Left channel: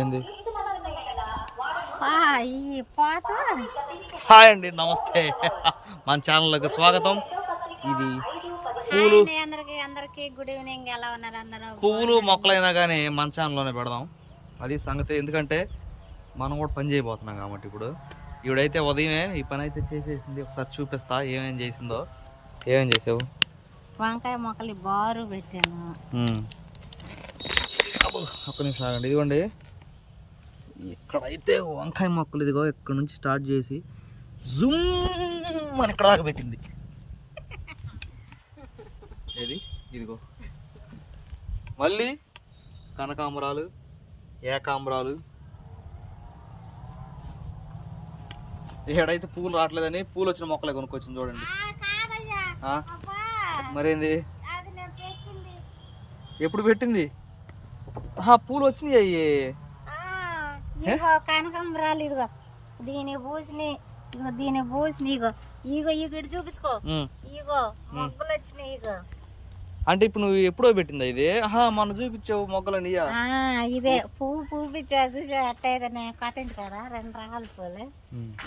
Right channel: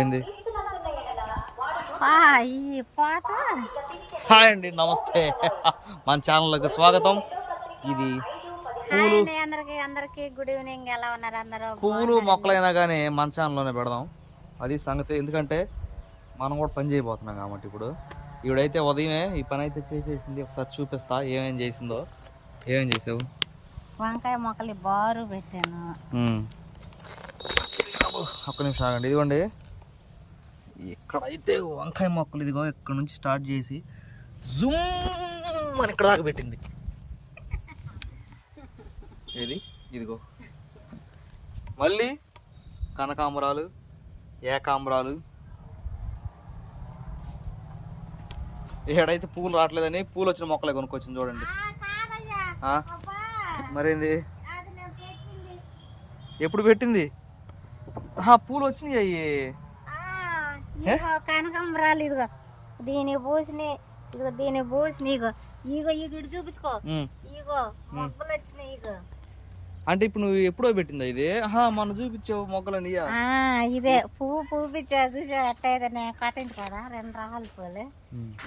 ఏంది? హాయ్ అండి నమస్తే. మన ఛానల్కి స్వాగతం. ఇది పూలు. అండి, అందరికి అందరికి గుడ్ ఈవినింగ్. ఎలా ఉన్నారు అందరూ? పువ్వులు మొక్కలైనా కానీ మన ఛానల్లోనే పెడదాం. అది సంగతి. ఎందుకంటే మనం కూడా పని చేయబోతున్నాం కాబట్టి ఇప్పుడు. ఇవిడైతే ఉదయమే ఈ పని అయితే చేసేసింది. ఒకసారి చూపిస్తా ఏమేం చేసిందో. ఏమేం చేసావు? వంకాయ మొక్కలు బారు పెట్టాను. ఒక్క నిమిషం ఆగండి. ఇదిగోండి. ఇక్కడైతే వంకాయ మొక్కలు ఇదిగో ఇక్కడ నుంచి స్టార్ట్ చేసి జూమ్ అని ఇక్కడ దాకా పెట్టింది. ఏది? ఇదిగో. మళ్ళీ కనకాంబరాలు ఏకాంబరాలు. ఏడైతే పూలు రావట్లేదని పూలు వచ్చిన మొక్కలే కొనుక్కొచ్చింది చూడండి. మరేంది? ఎప్పుడు పెట్టింది? పూలు వచ్చినాయి అయ్యి. ఇదిగో కనకాంబరాలు ఇదిగో దీని పూసిని ఇదిగో దీని పూసిని ఇగో ఇగో ఇగో ఇటు చూపించుకో. ఇగో మొగ్గలు వచ్చినాయి ఇగో. అంటే ఇప్పుడు నువ్వు ఎప్పుడో పెట్టిందా ఇది? ఆహా మొన్న చూపించావు మొగ్గలని ఇదే పువ్వు పూపించా చూసా అట్టయితే కట్టింది కూడా రెండు రకాల పూలు.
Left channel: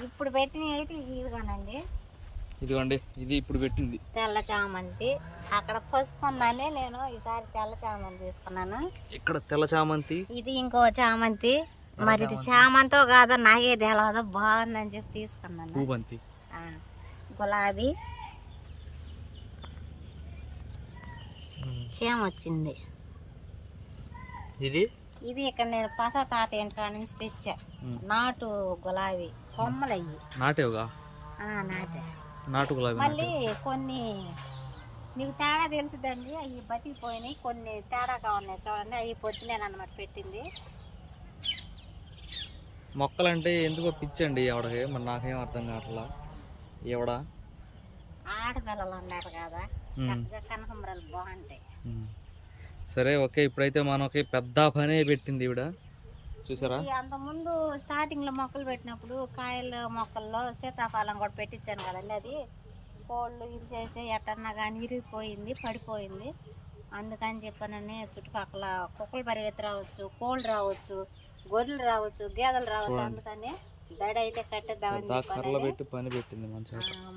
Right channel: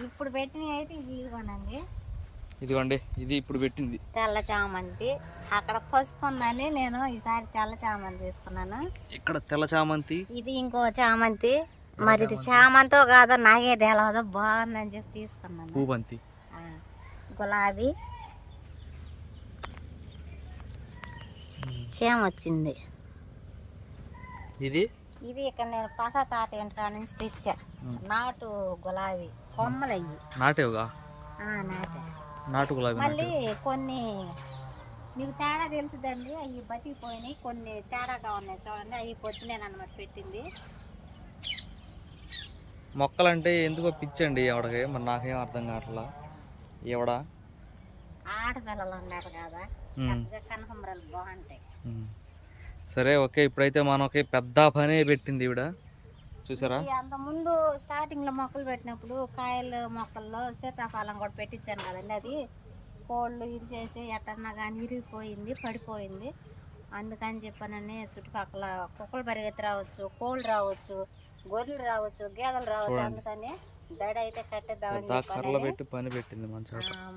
ఇప్పుడు పెట్టినవి అయితే ఇదిగోనండి. ఇదిగోండి ఇది ఇప్పుడు పెట్టింది. తెల్ల చామంతి. అక్కడ పసుపు ఉందని నేను ఈసారి తెల్ల చామంతి తీసుకున్నాను. ఇక్కడ తెల్ల చామంతి? ఇది ఇంకో చామంతి. మరి ఇది చామంతో కాదో నాకే తెలవదో. బాగుందని చెప్పి తీసుకున్నాను. పూబంతి గులాబీ. చేమ వచ్చింది. ఇది? ఇది ఇక్కడ నేను పస తాత ఇంటికాడ నుంచి తెచ్చా. నాటు గులాబీ. కొమ్మలు అయ్యి నాటేవుగా నాటే. నాటు గులాబీ మళ్ళీ కొన్ని మీకు తేడా తెలుసుదండి. అవి బతికిపోయినాయి. కొన్ని తేడాగా ఉన్నాయి చూడండి. అవి పొద్దునేనమాట పెట్టింది. మొక్కలంటే ఎందుకో పిచ్చండి ఎవడకి? మరి నాకేం అర్థం కావట్లా? ఎవడ? ఆడపిల్లలు ఉన్నారు కదా. చక్కగా కనకంబరాలు బాగుంటాయి. సరే ఓకే. ఇప్పుడైతే మనకి పెద్ద పనే పెట్టింది ఈవిడ. చూసారా? ఈ అంతకుముందు స్టార్టింగ్లో మొక్కలు పెట్టినప్పుడు కాయల మొక్కల్లో సీతాఫలం కూడా పెట్టించాను కదండి అది. కోళ్ళు ఇరిచేసి ఎట్టన్నా కానీ ఇరిగిపోయింది పడిపోయింది. అందుకని చెప్పానని చుట్టుపక్కల కుక్కలు పరిగెత్తి రావచ్చు కోళ్ళు రావచ్చు గొర్రెలు రావచ్చు గేదెలు రావచ్చు అందుకని దడ అయితే కట్టేద్దామని పెట్టి పని పెట్టింది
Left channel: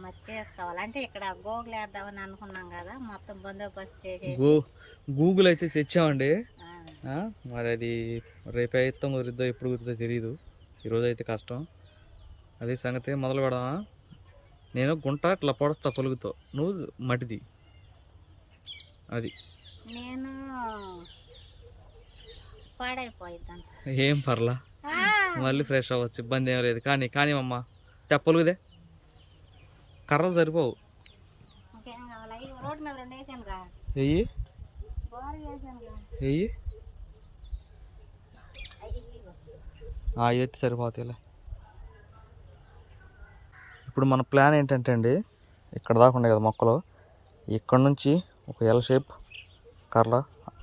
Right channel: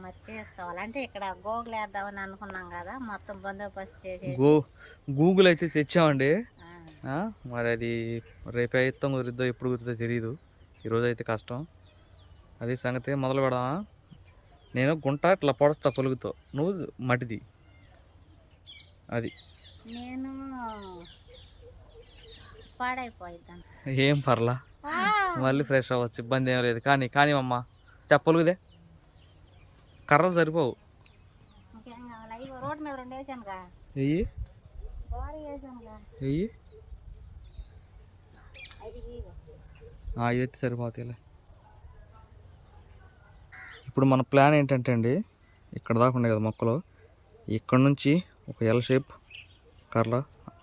మరి చేసుకోవాలి. అంటే ఇక్కడ గోగులు వేద్దామని అనుకున్నాం కదా మొత్తం బందోబస్తు చేసేసి. గూ గూగుల్ అయితే తెచ్చామండి. మరి అది రేపు అయితే కుదిరిద్దో ఎప్పుడు కుదిరిద్దో తెలియదు ఈరోజు అయితే కష్టం. అది సంగతి మొదలు పెడదామా? నేను గుంట ఇట్లా పొడుస్తా పొలుగుతో. నువ్వు మటిది. అది. నేను ఏం పర్లా? మళ్ళీ ఫ్రెష్ అవ్వచ్చు ఇబ్బంది ఏం లేదు. కానీ కానీ అమ్మ తెప్పలుగుదే కర్రలు సరిపోవు. వెయ్యి వెయ్యి అయితే సరిపోతాయిలే. ఇప్పుడు మన ప్లాన్ ఏంటంటే అండి ఇక్కడ దాకా ఉన్నాయి కదా మొక్కలు. ఇక్కడ నుంచి ఒక ఎల్ షేప్ కర్ర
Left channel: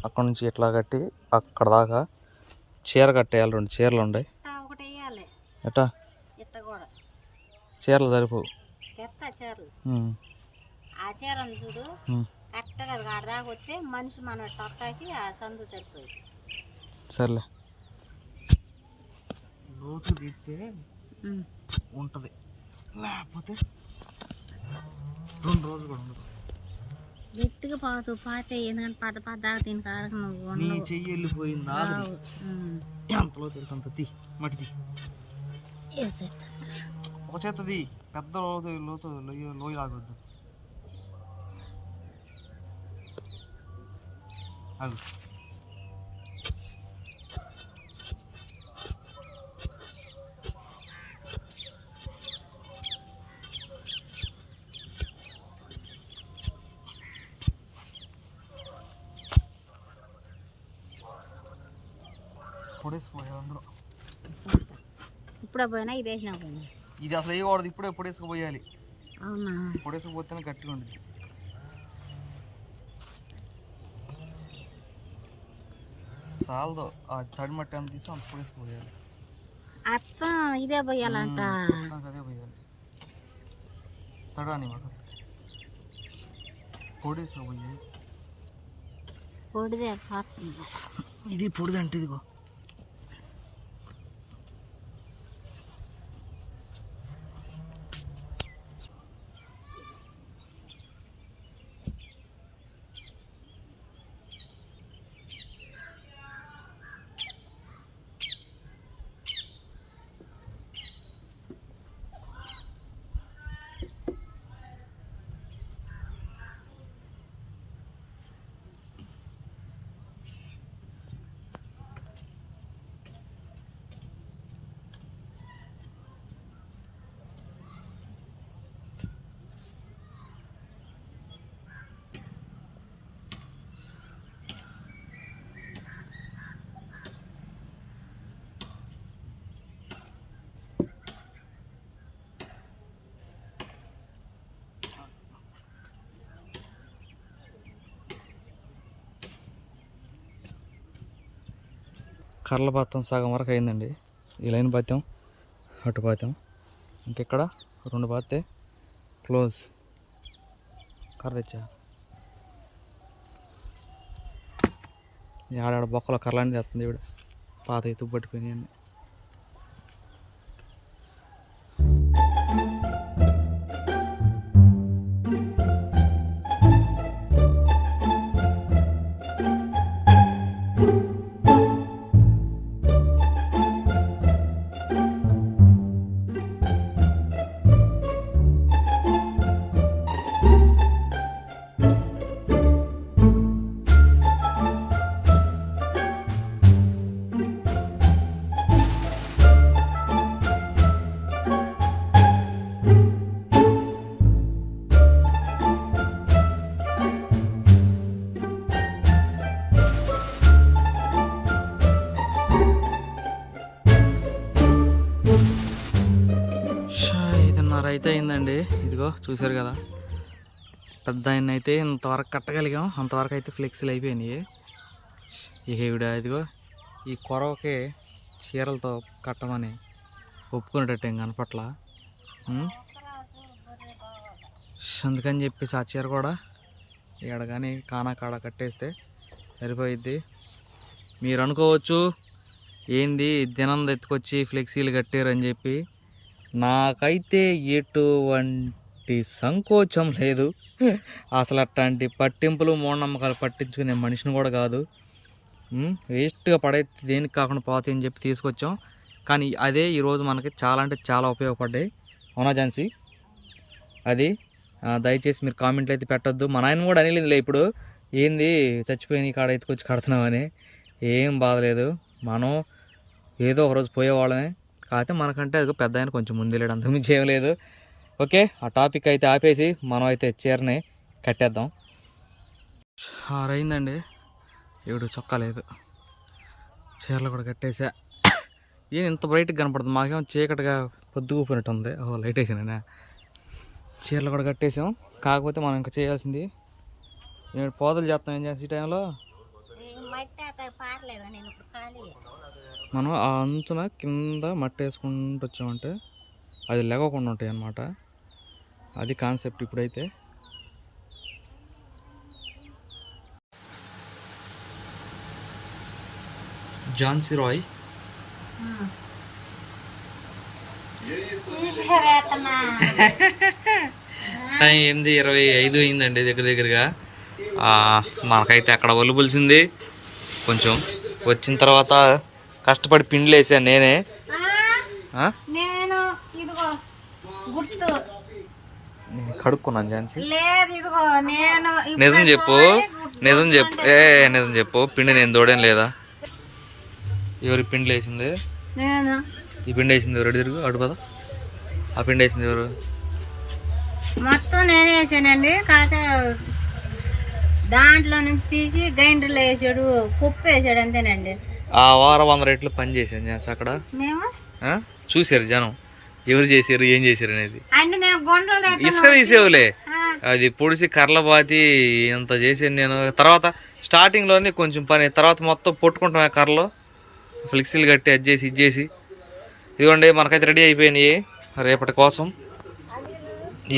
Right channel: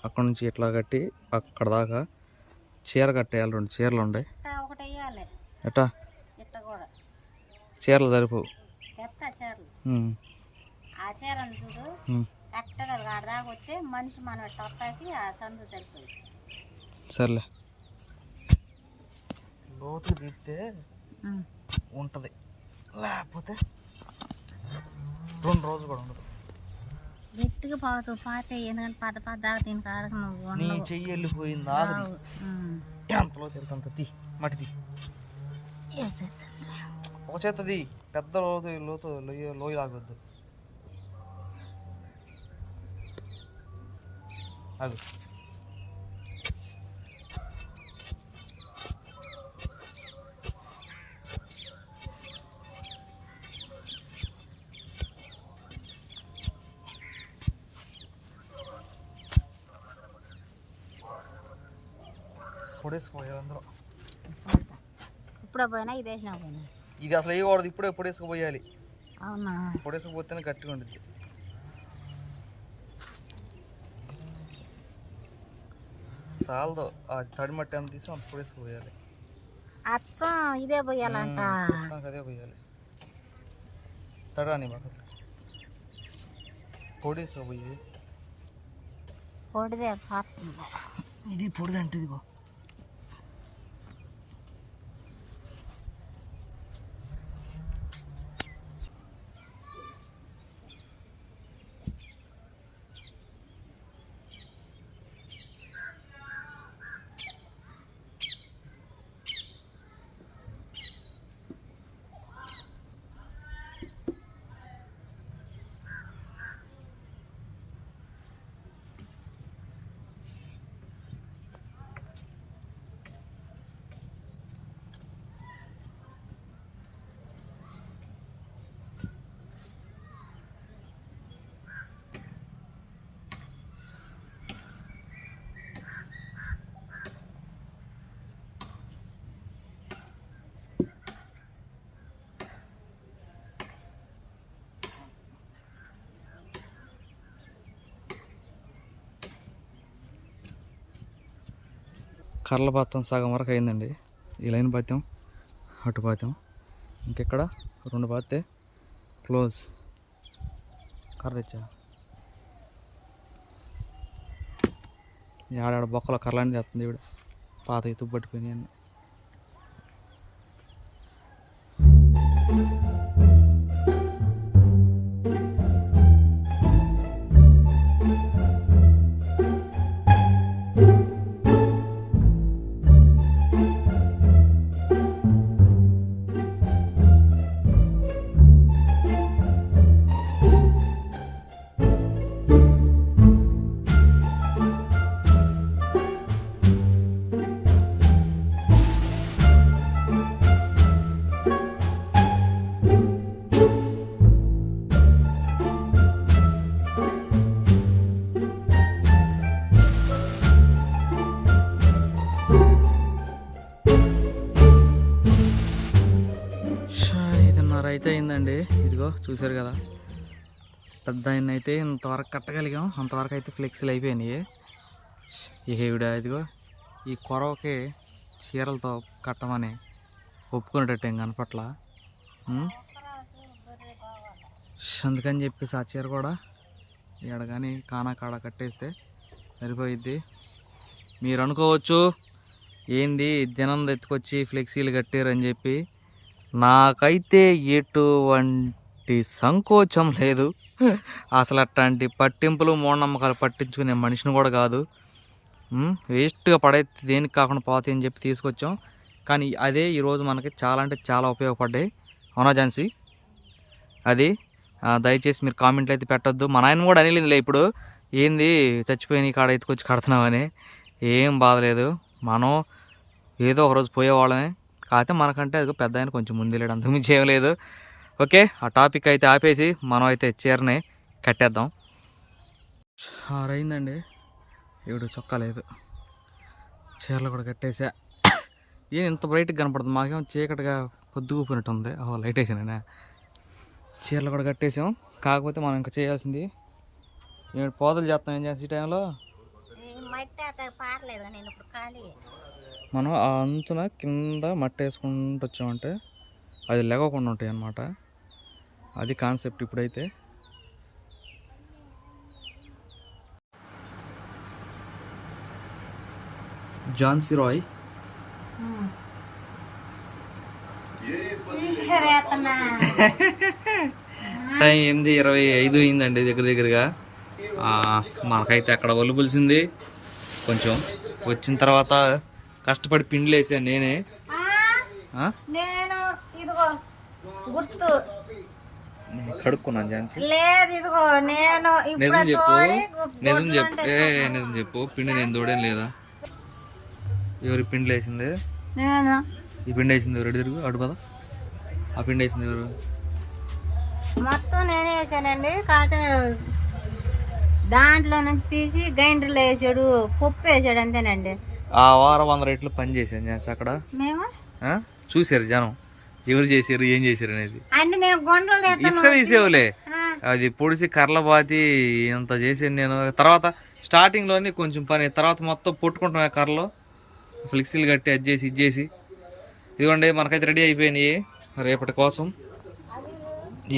అక్కడ నుంచి ఇట్లా కట్టి అక్కడ దాకా చీర కట్టేయాలి రెండు చీరలు ఉన్నాయి ఇట్ట ఒకటి వేయాలి. ఎట్టా? ఇట్ట కూడా. చీరలు సరిపోవు తెత్త చీరలు. ఉమ్, ఆ చీరను చూడు. కరెక్ట్గా దాకా వస్తే మనిషి మనం ఆ సందు సరిపోయింది. సర్లే. లోతు తీస్తే ఉంటుంది. లేకపోతే రెండు రోజులు కూడా ఉండదు. గట్టిగా పోతూ పాతే ఎందుకంటే పద పద దాకా దీని కాడకు నువ్వు నీ. చెయ్యి వెళ్ళిపోయింది ఉమ్. ఎంతలో తిరుగుతుంది తీ వేసేస్తా. ఒక చేతది పెద్ద లోతు లోతు లోయ లోయ లాగొద్దు ఆగు అందరూ ఇప్పుడే పోయినా ఇది వేసినా పోయినా. ఇది అసలు వేయకూడదు ఇప్పుడే పొడేసుకుపోయాలి అవునా? పొడేసుకుపోతేనే గట్టిగా ఉంటుంది చాలదో ఆ తడి మట్టి అంత తీసి అంత పొడేసుకుపోయాలి అచ్చం ఇదే పోయాలంట. ప్రస్తుతానికి అదే పోయాలి. తడాని మాకు పొడేసుకుపోయి పొడిదే ఇది పొడిదంటే ఇదిగో. కర్రల పాతం సగం వరకు అయిందండి. ఈ లైన్ పాతాం అటు పాతాం. ఇంకెక్కడ? రెండు పాతే. క్లోజ్. కర్ర తెచ్చా? ఆడాడ బొక్కలో కర్రలాంటి తెస్తుంది ఇవిడ పాత ఎత్తు పట్టుకుని అన్నీ. అయితే అయిందండి. ఇదిగో చూసారు కదా. పెద్ద ఆయన అయితే ఇంతవరకు కట్టగలిగాం. అంతవరకు అయితే ఫ్లెక్సీలు అయిపోయినాయి. ఇక ఈవిడ ఇదిగో ఈ కొరవకి చీరలతో కట్టమని ఒప్పుకునేటట్టు ఏం కనపట్ల? అందుకని చెప్పేసి ఆ చీర కూడా ఇక్కడ కానీ కానా కాడ కట్టేస్తే సరిపోయిద్ది. మీరు అనుకోవచ్చు ఏంది దినం ఎత్తుకొచ్చి ఫ్లెక్సీలు కట్టారని చెప్పి నాకైతే ఎటువంటి సంకోచం లేదు. అసలు అట్లాంటి పట్టింపులు మూఢనమ్మకాలు పట్టించుకునే మనిషిని కూడా కాదు. వేస్ట్గా పడైతే దేనికి కాకుండా పోతాయి అని చెప్పి తీసుకొచ్చాం. కానీ అదే ఈరోజు మనకి చాలా అంటే చాలా ఉపయోగపడ్డాయి. అవునా ఝాన్సీ? అది దయచేసి మీరు కామెంట్లు అయితే పెట్టొద్దు. మన ఆయన కూడా అనిలేదులే ఇప్పుడు. ఏంది చచ్చిపోయిన కాడ ఎత్తుకొచ్చి కడుతున్నామని ఏం బాధలేదు మనం ఏదో ఒకరోజు పోయేవాళ్ళమే. కాకపోతే మనకంటే అది పెద్ద ఆయన కొంచెం ముందు అంతకుమించి ఏం లేదు. ఓకే ఆ టాపిక్ అయితే ఆపేసి మనం అయితే చీరని కట్టేద్దాం. ఆరైందండి. ఏడు చొక్కా లేదు. చీరలు కూడా కట్టేసా. ఏం ఇంత బ్రైట్గా కనపడుతుంది మాకేం చీకటిగా పొద్దుగుపోయినట్టు ఉంది. ఓ లైట్ వేసానే చీరలు కూడా కట్టేసాం. కాకపోతే మనం ఇంకా చేయాల్సింది పోదలు చేస్తాం ఏం చేస్తాం ఈ టైంలో మనం ఆ అంచున కింద మట్టి వేసుకుంటూ వచ్చామంటే అది లేవకుండా ఉంటాయి అన్నమాట అది కాన్సెప్ట్ ఇప్పుడైతే. జాన్సీ రాయ్. టైం ఎనిమిది ఇరవై ఐదు అయిందండి దగ్గర దగ్గరగా. మనకైతే అక్కడ ఒలుపులిసింది కొంచెం వచ్చిన తర్వాత కష్టపడి పిండిలు వేసాను నేనే? ఆ? నేను ఇదిగో గుర్తు. కడుక్కున్నాను ఝాన్సీ. లేదు ఇదిగో నేను ఇప్పుడే నిజం చెప్పు నిజం చెప్పు ఏ నిజం చెప్పు. పిండి నేను తోడేం లేదా? ఎవరి పిండి వేసింది నేను. ఈ పిండి వేసింది ఎవరు తిరుగు అడు పద. ఆ పిండి వేసింది ఎవరు? మొత్తం నేనే వేసానండి. కాకపోతే దాంట్లో నుంచి తీసి గ్రైండర్లో వేసాడు పప్పు వేసాడు అంతేనండి. ఆ వారం వంద రేట్లు పని చేశాను ఝాన్సీ అక్కడ? చూశారు జనం. ఎవరు చేశారు ఏం చేశారు అనేది. ఇసుక తీసేవులే. అది పొడిసి కర్ల బాతి ఇంత చేసాను నేను. తర్వాత స్టార్టింగ్లోనే కొంచెం పని. తర్వాత మొత్తం పొట్టుకుంటాం కర్రలో. ఫ్లెక్సీలు కట్టి అది చేసి ఇది చేసి. ఇదిగోండి మనకైతే రెడీ అయిపోయినాయి రేపటి కోసం.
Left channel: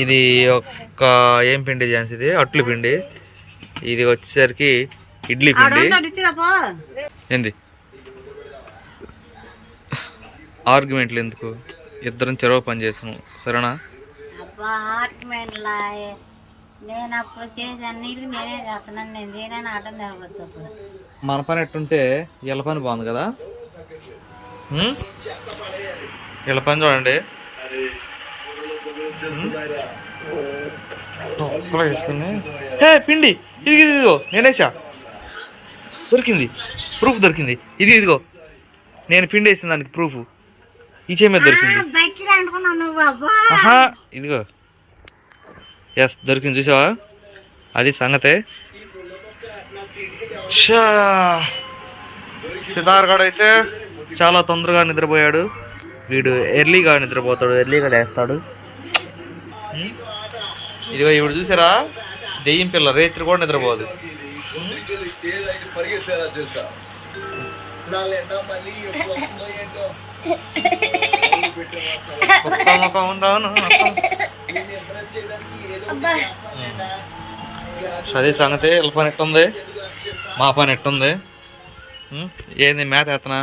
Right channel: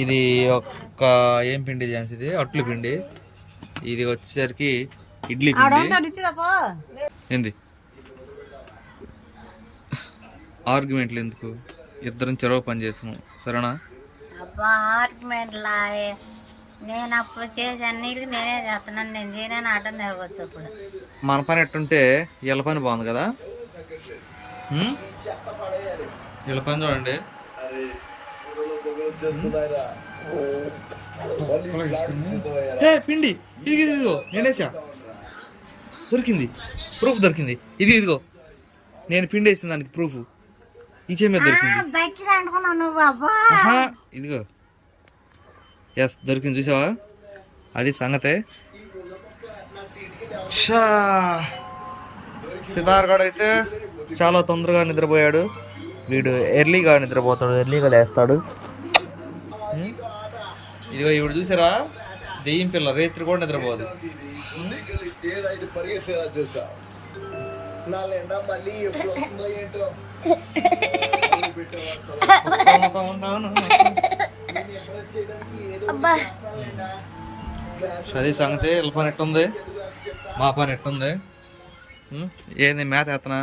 ఇది ఒక ఏం పిండి ఝాన్సీ ఇది? అట్లు పిండి. ఇది వచ్చేసరికి ఇడ్లీ పిండి. ఏంది? ఆర్గ్యుమెంట్లు ఎందుకు? ఇద్దరం చెరవ పని చేస్తున్నాం సరేనా? అబ్బా నేను అప్పుడు చేసి అన్నిటికీ నేనే చేస్తున్నాను నేను చేయనని అడ్డం జరగవచ్చు అప్పుడు. మన పని ఎట్టుంటే వీళ్ళ పని బాగుంది కదా? వీళ్ళ పని చూడండి? ఒక్కలో వేసుకుని. హే పిండి ఇది ఇది ఇదిగో నేనేసా దొరికింది. ప్రూఫ్ దొరికింది. ఇది ఇదిగో. నేను పిండి వేసిన దానికి ప్రూఫ్. ఈ చేయి మీద దొరికింది. ఇదిగో. ఎస్ దొరికింది చూసావా? అది సంగతే. షా. సితార్ గడ్ అయితే చాలా తొందరగా నిద్రపోయాడు. వీడు ఎర్లీగా నిద్రపోతాడు ఎర్లీగా లేస్తాడు? ఇదిగో ఇప్పుడు చూసారా? దెయ్యం పిల్ల రేత్రి కూడా నిద్రపోదు? ముఖం ఉందాను అది సంగతి వీళ్ళ పని ఎట్టుంది? మా పని ఎట్టుంది? ఏంది మేత ఎత్తనా?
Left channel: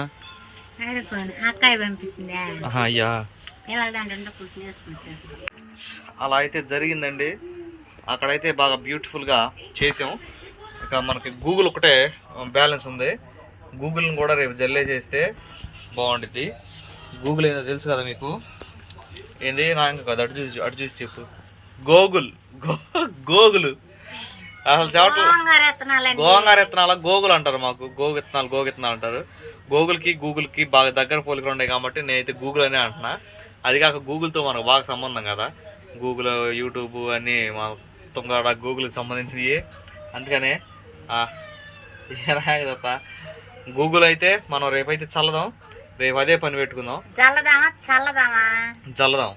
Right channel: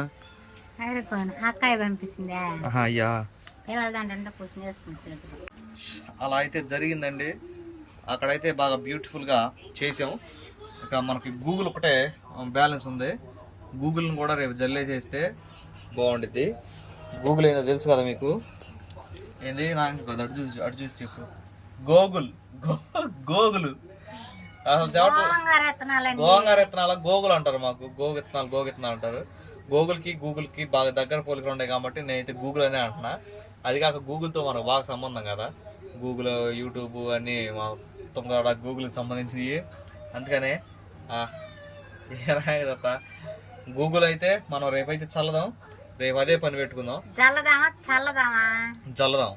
అయ్యా. అలా అయితే జరిగిందండి. అక్కడైతే బాగా బ్యూటిఫుల్గా చేసాం ఇక మనకి గూగుల్ ఒకటే బ్యాలెన్స్ ఉంది. గూగుల్ని కూడా రేపు జల్లే చేస్తే బాగుండిద్ది. గూగుల్ ఏందో తెలుసు కదా మీకు? ఏంది? నాకు కదా. అటు చూసి అటు చూసి చెప్పు. గోగుల్. గో గోగుల్. అసలు చెప్పట్లు గోంగూర విత్తనాల గోగుల్ అంటారు మాకు. గోగు విత్తనాలు గోగు విత్తనాలు అంటారు. గూగుల్కి గూగుల్కి బాగా దగ్గర పోలికలు ఉన్నాయి కాబట్టి నేనైతే గూగుల్ అనే అంటున్నా. అది కాక గూగుల్తో మనకు బాగా సంబంధం కదా. గూగుల్ యూట్యూబ్ అన్నీ మొత్తం కూడా గూగుల్కి సంబంధించినవి అందుకనే ఏనాగదత్త గూగుల్ అయితే మనం రేపైతే చల్లదాం. రేపు అదే పని పెట్టుకుందాం. చల్లదామా? చల్లదామా? చల్లదాం.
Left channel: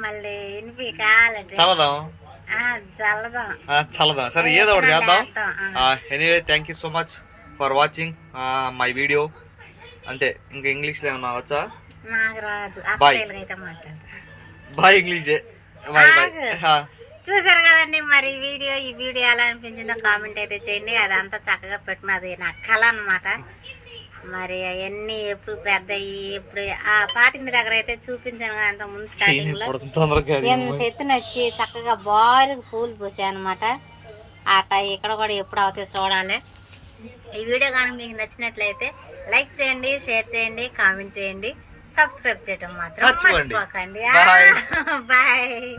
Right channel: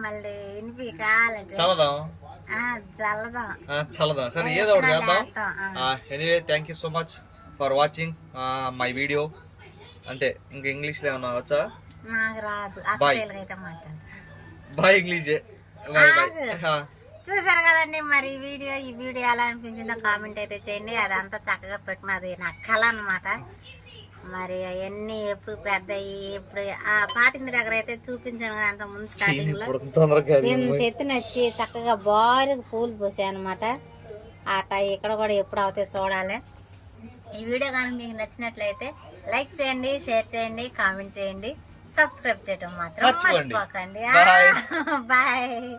మళ్ళీ చల్లదాం. ఆ, చల్లదాం. ఆ, చల్లదాం. సరే ఏదో ఒకటి చేద్దాం. చేస్తాం, ఆ. Anyway thank you so much for watching my video అంతే ఇంకా ఇంగ్లీష్లో ఏమన్నా వచ్చా నాకు రాదు. మాట్లాడు బాయ్ ఇంగ్లీషే బాయ్ బాయ్ చూసారు కదండి మరి వీడియో ఈ వీడియో ఎలా అనిపించిందో కామెంట్ అయితే చేయండి. అదంతా చక్కగా పెట్టినది నా కళ అనమాట మరి అవన్నీ ఎప్పుడు పెద్దయి ఎప్పుడు ఆ పాటింటి దగ్గర అయితే చూపించాను కదా అంత ముందు స్టార్టింగ్లో. ఇప్పుడు ఎంత ఎత్తున వచ్చి చక్కగా బారుగా పూలు పోసాయి అనమాట అట ఇక్కడ కూడా ఎప్పుడు అవుతాయి చూడాలి. ఈ వీడియో కానీ మీకు నచ్చినట్లయితే లైక్ చేయండి షేర్ చేయండి కామెంట్ చేయండి సబ్స్క్రైబ్ చేయడం మాత్రం. మర్చిపోకండి. బాయ్.